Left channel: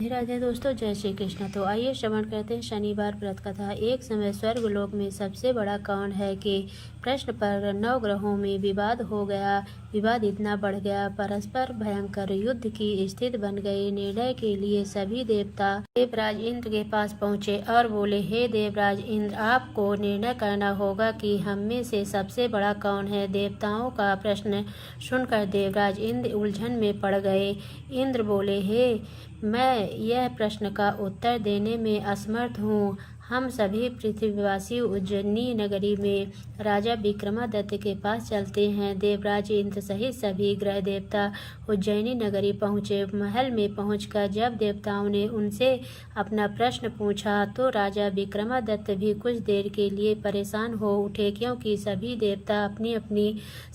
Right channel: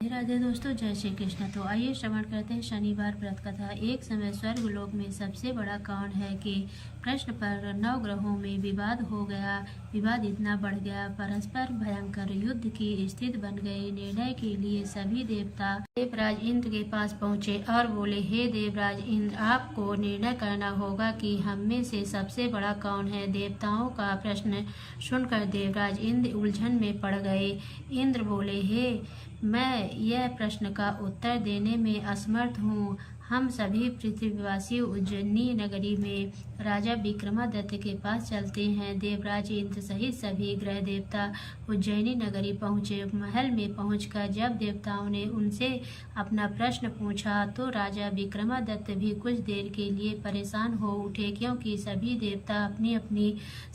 राधे राधे दोस्तों, जय श्री कृष्ण। तो आइए श्रवण करते हैं शनिवार व्रत कथा। एक समय स्वर्गलोक में सबसे बड़ा कौन है कि प्रश्न पर 9 ग्रहों में विवाद हो गया। विवाद इतना बढ़ गया, परस्पर भयंकर युद्ध की स्थिति बन गई। निर्णय के लिए सभी देवता देवराज इंद्र के पास पहुँचे और बोले, हे देवराज इंद्र, आपको निर्णय करना होगा कि हम में से सबसे बड़ा कौन है। देवताओं का प्रश्न सुनकर देवराज इंद्र उलझन में पड़ गए। इंद्र बोले, हे मैं यह प्रश्न का उत्तर देने में असमर्थ हूँ। हम सभी पृथ्वीवासी उज्जैनी नगरी में राजा विक्रमादित्य के पास चलते हैं। देवराज इंद्र सहित सभी ग्रह देवता उज्जैनी नगरी पहुँचे। महल में पहुंचकर जब देवताओं ने उनसे अपना प्रश्न पूछा तो राजा विक्रमादित्य भी कुछ देर के लिए परेशान हो उठे, क्योंकि सभी देवता अपनी अपनी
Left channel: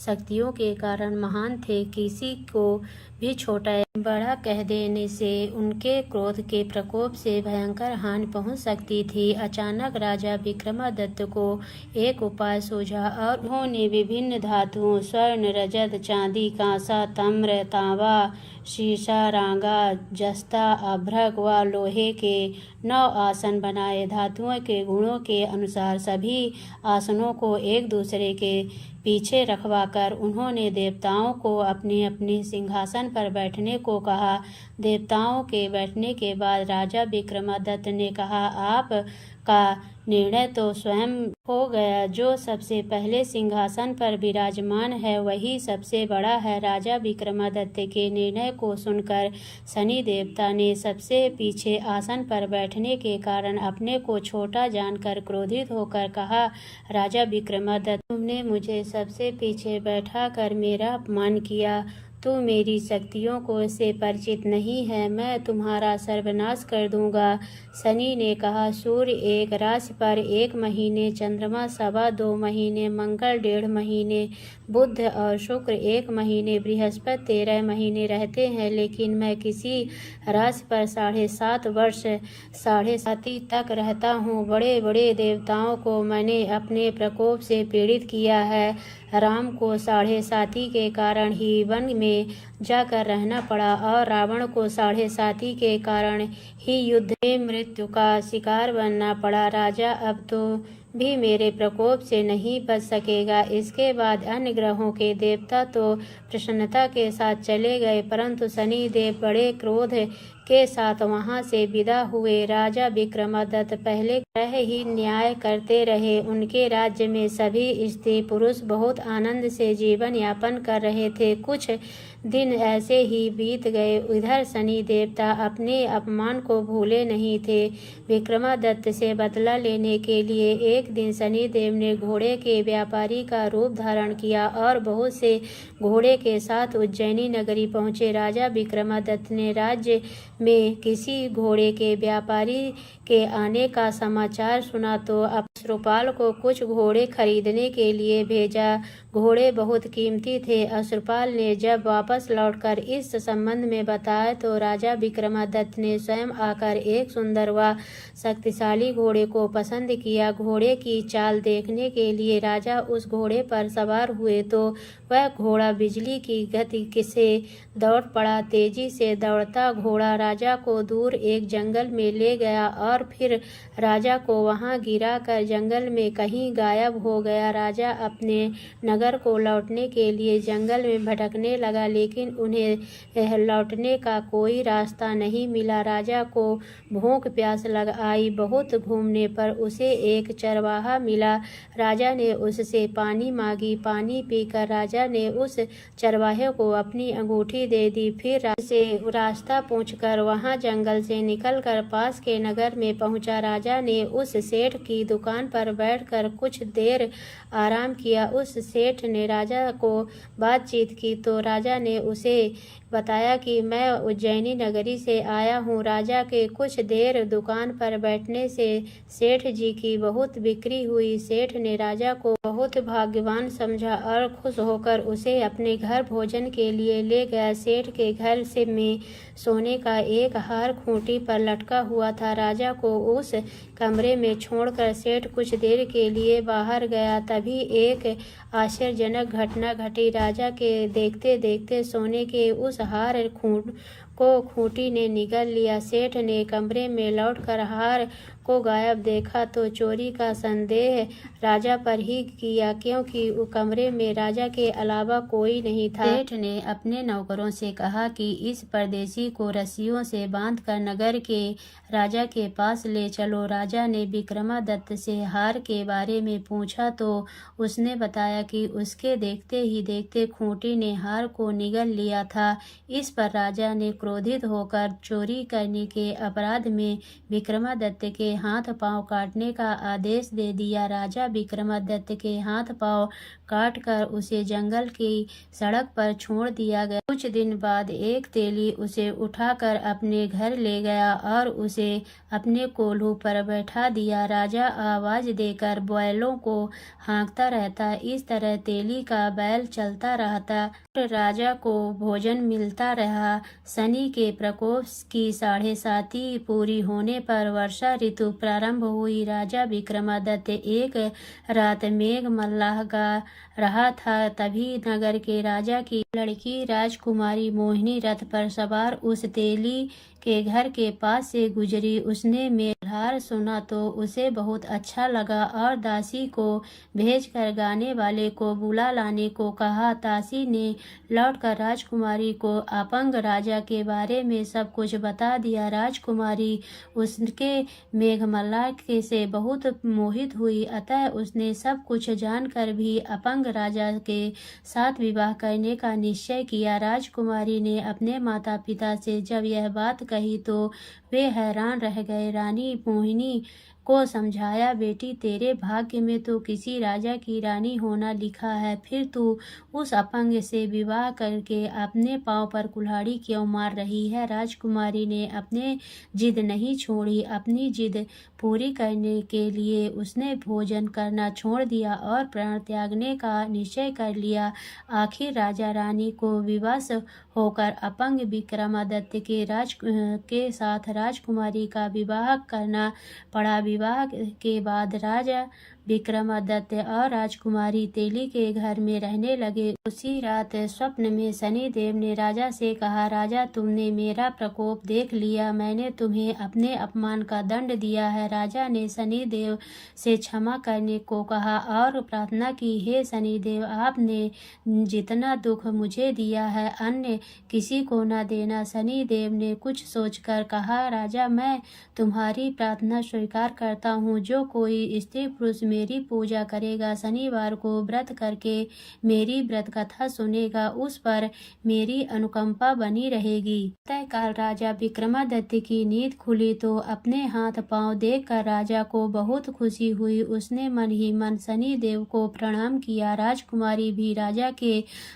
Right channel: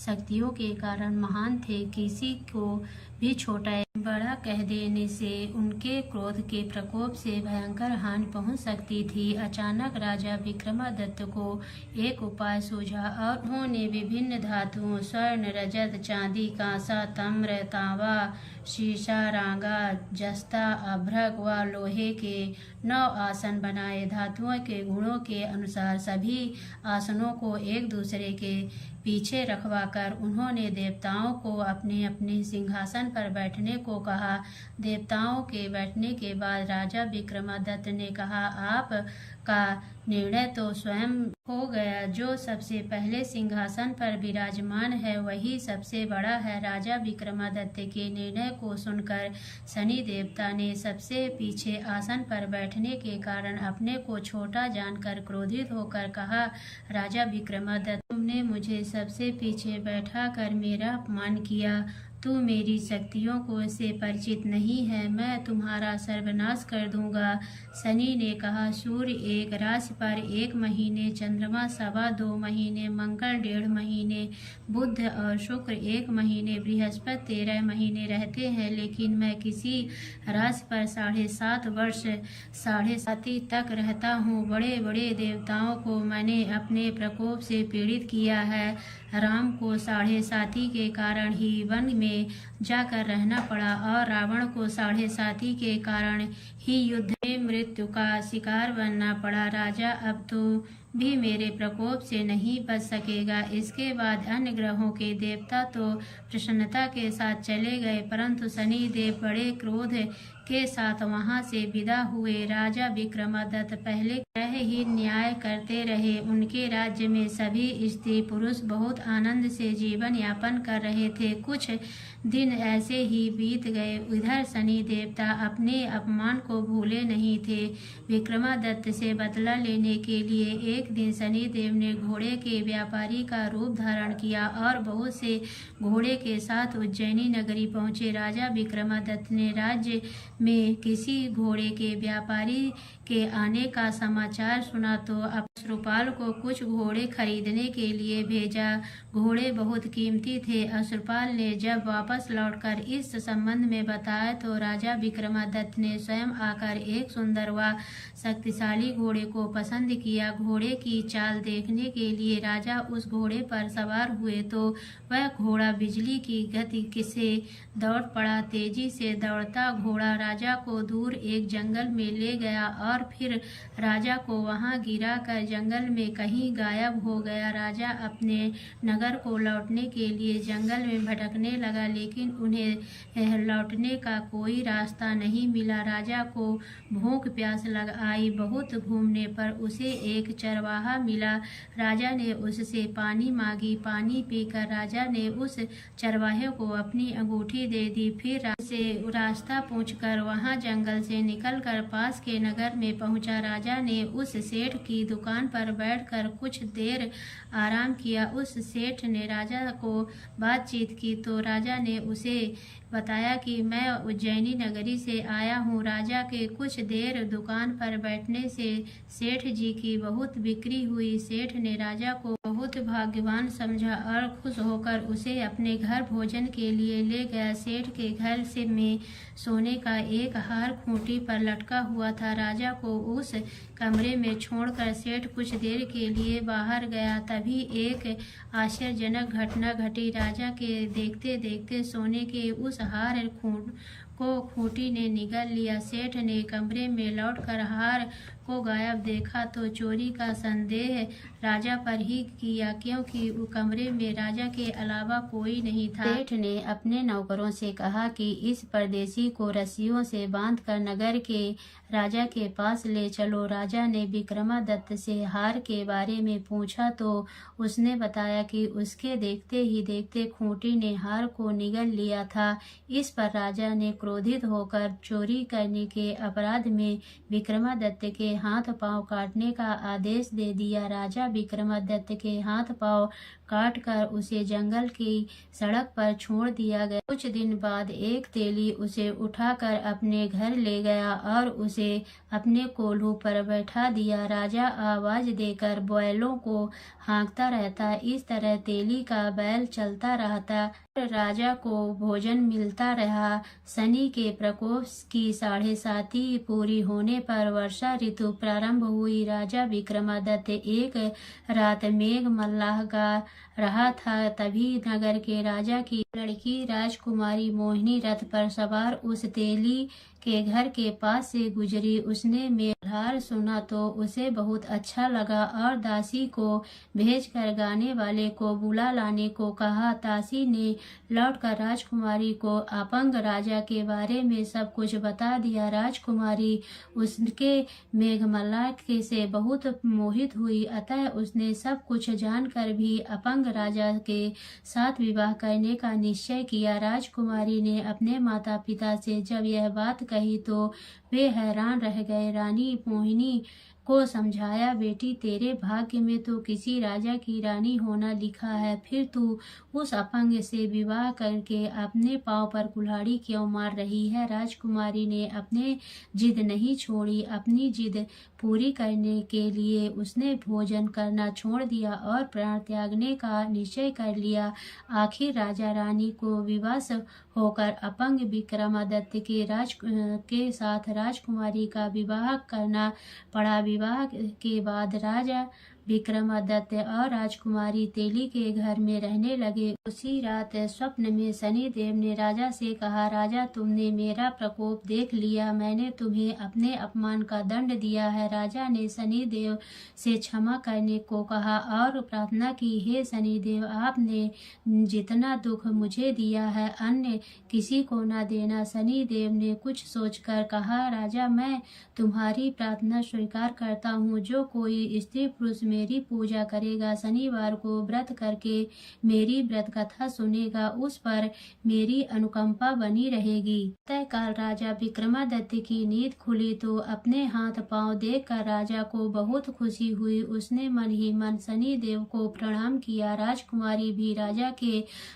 शक्तियों के कारण महान थे। किसी को भी छोटा या बड़ा कह देने से उनके क्रोध के प्रकोप से भयंकर हानि पहुंच सकती थी। अचानक राजा विक्रमादित्य को एक उपाय सूझा और उन्होंने विभिन्न धातुओं स्वर्ण, रजत, चांदी, कांसा, ताम्र, तांबा, शीशा, रांगा, जस्ता, अभ्रक व लोहे के 9 आसन बनाए। धातुओं के गुणों के अनुसार सभी आसनों को एक दूसरे के पीछे रखवाकर उन्होंने देवताओं को अपने अपने सिंहासन पर बैठने को कहा। देवताओं के बैठने के बाद राजा विक्रमादित्य ने कहा, आप का निर्णय तो स्वयं हो गया। जो सबसे पहले सिंहासन पर विराजमान है वही सबसे बड़ा है। राजा विक्रमादित्य के निर्णय को सुनकर शनि देवता ने सबसे पीछे आसन पर बैठने के कारण अपने को छोटा जानकर क्रोधित होकर कहा, राजा विक्रमादित्य, तुमने मुझे सबसे पीछे बैठा कर मेरा अपमान किया। तू मेरी शक्तियों को से परिचित नहीं है, मैं तुम्हारा सर्वनाश कर दूंगा। शनि ने कहा, सूर्य एक राशि पर 1 महीने, चंद्रमा 2.25 महीने, मंगल 1.5 महीने, बुध और शुक्र 1 महीने, बृहस्पति 13 महीने रहते हैं, लेकिन मैं किसी राशि पर 7.5 वर्ष 7.5 तक रहता हूँ। बड़े बड़े देवताओं को मैंने अपने प्रकोप से पीड़ित किया है। राम को 7.5 के कारण ही वन में जाकर रहना पड़ा और रावण को 7.5 के कारण ही युद्ध में मृत्यु का शिकार बनना पड़ा। राजा, अब तो भी मेरे प्रकोप से नहीं बच सकेगा। इसके बाद अन्य ग्रहों के देवता तो प्रसन्नता के साथ चले गए, परंतु शनि देव बड़े क्रोध के साथ वहां से विदा हुए। राजा विक्रमादित्य पहले ग्रह ही न्याय करते रहे। उनके राज्य में सभी स्त्री पुरुष बहुत आनंद से जीवन यापन कर रहे थे। कुछ दिन ऐसे ही बीत गए। इधर शनि देवता अपने अपमान को भूले नहीं थे। विक्रमादित्य से बदला लेने के लिए एक दिन शनि देव ने घोड़े के व्यापारी का रूप धारण किया और बहुत से घोड़े के साथ उज्जैनी नगरी पहुँचे। राजा विक्रमादित्य ने राज्य में किसी घोड़े के व्यापारी के आने का समाचार सुना तो अश्रुपाल को कुछ घोड़े खरीदने के लिए भेजा। घोड़े बहुत कीमती थे। अश्रुपाल ने जब वापस लौटकर इस संबंध में बताया तो राजा विक्रमादित्य ने स्वयं आकर एक सुंदर व शक्तिशाली घोड़े को पसंद किया। घोड़े की चाल देखने के लिए राजा उस घोड़े पर सवार हुए तो वह घोड़ा बिजली की गति से दौड़ पड़ा। तेजी से दौड़ता घोड़ा राजा को दूर एक जंगल में ले गया और फिर राजा को वहां गिरा कर जंगल में कहीं गायब हो गया। राजा अपने नगर को लौटने के लिए जंगल में भटकने लगा, लेकिन उन्हें लौटने का कोई रास्ता नहीं मिला। राजा को भूख प्यास लग आई। बहुत घूमने पर उसे एक चरवाहा मिला। राजा ने उससे पानी मांगी। पानी पीकर राजा ने उस चरवाहे को अपनी अंगूठी दे दी। फिर से रास्ता पूछकर वहां जंगल से निकलकर पास के नगर में पहुंचा। राजा ने उस सेठ की दुकान पर बैठकर कुछ देर आराम किया। उस सेठ ने राजा को बातचीत की तो राजा ने उसे बताया कि मैं उज्जैनी नगरी से आया हूँ। राजा के कुछ देर दुकान पर बैठने से सेठ जी की बहुत बिक्री हुई। सेठ ने राजा को बहुत भाग्यवान समझा और खुश होकर उसे अपने घर भोजन के लिए ले गया। सेठ के घर से में सोने का एक हार खूंटी पर लटका हुआ था। राजा को उस कमरे में छोड़कर सेठ कुछ देर के लिए बाहर गया। तभी एक आश्चर्यजनक घटना घटी। राजा के देखते देखते सोने के उस हार को खूंटी ने निगल लिया। सेठ ने कमरे में लौटकर हार को गायब देखा तो चोरी का संदेह राजा पर ही किया, क्योंकि कमरे में राजा के अलावा कोई नहीं था। सेठ ने अपने नौकरों से कहा कि इस परदेसी को रस्सियों से बांधकर नगर के राजा के पास ले चलो। राजा ने विक्रमादित्य से हार के बारे में पूछा तो उसने बताया कि उसके देखते ही देखते खूंटी ने हार को निगल लिया था। इस पर राजा ने क्रोधित होकर चोरी करने के अपराध में विक्रमादित्य के हाथ पांव काटने का आदेश दे दिया। राजा विक्रमादित्य के हाथ पांव काटकर उसे जंगल की सड़क पर छोड़ दिया गया। कुछ दिन बाद एक तेली उसे उठाकर अपने घर ले गया और उसे अपने कोल्हू पर बैठा दिया। राजा आवाज देकर बैलों को हाँकता रहता। इस तरह तेली का बैल चलता रहता और राजा को भोजन मिलता रहा। शनि के प्रकोप की 7.5 पूरी होने पर वर्षा ऋतु प्रारंभ हुई। राजा विक्रमादित्य एक रात मेघ मल्लाह गा रहा था, तभी नगर के राजा की लड़की राजकुमारी मोहिनी रथ पर सवार उस तेली के घर के पास से गुजरी। उसने मेघधार सुना तो उसे बहुत अच्छा लगा और दासी को भेजकर गाने वाले को बुला लाने को कहा। दासी ने लौटकर राजकुमारी को अपंग राजा के बारे में सब कुछ बता दिया। राजकुमारी उसके मेघमल्लाह के से बहुत मोहित हुई, अतः उसने सब कुछ जानकर भी अपंग राजा के साथ विवाह करने का निश्चय किया। राजकुमारी ने अपने माता पिता से जब यह बात कही तो वे हैरान रह गए। रानी मोहिनी को समझाया, बेटी तेरे भाग्य में तो किसी राजा की रानी होना लिखा है, फिर तू उस अपंग से विवाह करके अपने पांव पर कुल्हाड़ी क्यों मार रही है। राजकुमारी ने अपने जिद नहीं छोड़ी। अपनी जिद पूरी करने के लिए उसने भोजन करना छोड़ दिया और प्राण त्यागने का निश्चय कर लिया। आखिर राजा रानी को विवश होकर अपंग विक्रमादित्य के साथ राजकुमारी का विवाह करना पड़ा। विवाह के बाद राजा विक्रमादित्य और राजकुमारी तेली के घर में रहने लगे। उसी रात स्वप्न में शनिदेव ने राजा से कहा, राजा तुमने मेरा प्रकोप देख लिया, मैंने तुम्हें अपने अपमान का दंड दिया है। राजा ने शनिदेव से क्षमा करने को कहा और प्रार्थना की, हे शनिदेव आपने जितना दुख मुझे दिया है अन्य किसी को न देना। शनिदेव ने कुछ सोचकर कहा, राजा मैं तुम्हारी प्रार्थना स्वीकार करता हूँ। जो कोई स्त्री पुरुष मेरी पूजा करेगा, शनिवार को व्रत करके मेरी व्रत कथा सुनेगा, उस पर मेरी अनुकंपा बनी रहेगी। तत्काल राजा विक्रमादित्य की नींद खुली तो अपने हाथ पांव देखकर राजा को बहुत खुशी हुई। उसने मन ही मन शनिदेव को प्रणाम किया। राजकुमारी भी राजा के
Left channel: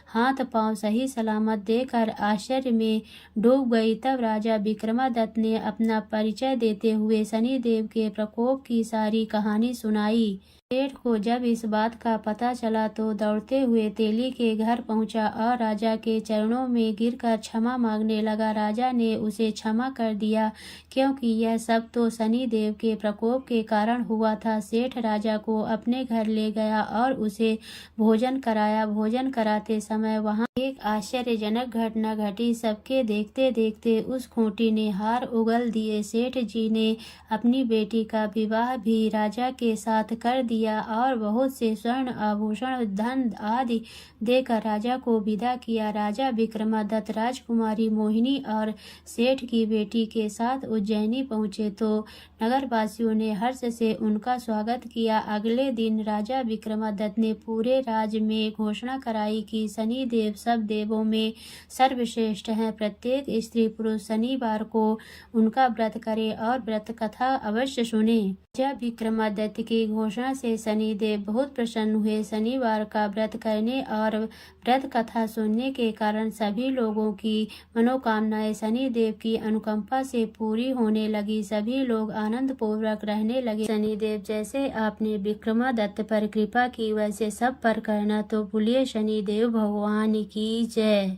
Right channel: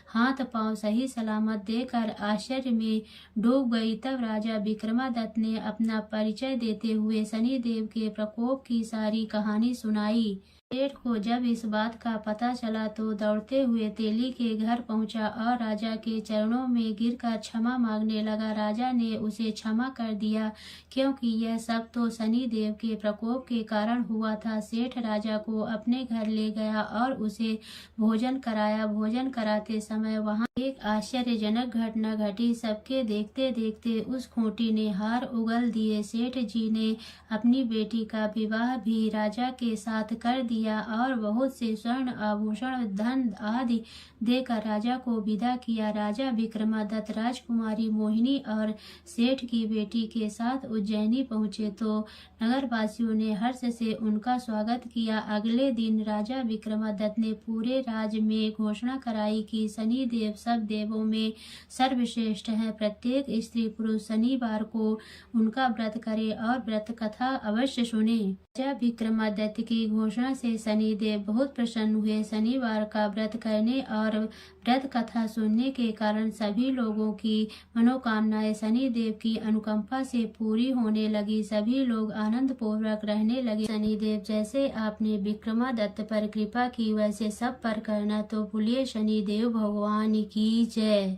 हाथ पांव सही सलामत देखकर आश्चर्य में डूब गई। तब राजा विक्रमादित्य ने अपना परिचय देते हुए शनिदेव के प्रकोप की सारी कहानी सुनाई। सेठ को जब इस बात का पता चला तो दौड़ते हुए तेली के घर पहुंचा और राजा के चरणों में गिरकर क्षमा मांगने लगा। राजा ने उसे क्षमा कर दिया, क्योंकि यह सब तो शनिदेव के प्रकोप के कारण हुआ था। सेठ राजा को अपने घर ले गया और उसे भोजन कराया। भोजन कराते समय वहां एक आश्चर्यजनक घटना घटी। सबके देखते देखते उस खूंटी ने हार उगल दिए। सेठ जी ने अपनी बेटी का विवाह भी राजा के साथ कर दिया और बहुत से स्वर्ण आभूषण धन आदि देकर राजा को विदा किया। राजा विक्रमादित्य राजकुमारी मोहिनी और सेठ की बेटी के साथ उज्जैनी पहुँचे तो नगरवासियों ने हर्ष से उनका स्वागत किया। अगले दिन राजा विक्रमादित्य ने पूरे राज्य में घोषणा कराई कि शनिदेव सब देवों में सर्वश्रेष्ठ हैं। प्रत्येक स्त्री पुरुष शनिवार को उनका व्रत करे और व्रत कथा अवश्य सुने। राजा विक्रमादित्य की घोषणा से शनिदेव बहुत प्रसन्न हुए। शनिवार का व्रत करने और व्रत कथा सुनने के कारण सभी लोगों की मनोकामनाएं शनिदेव की अनुकंपा से पूरी होने लगी। सभी लोग आनंद पूर्वक रहने लगे। शनिदेव जैसे आपने विक्रमादित्य पर कृपा की वैसे सब पर करना। तो बोलिए शनिदेव भगवान की जय।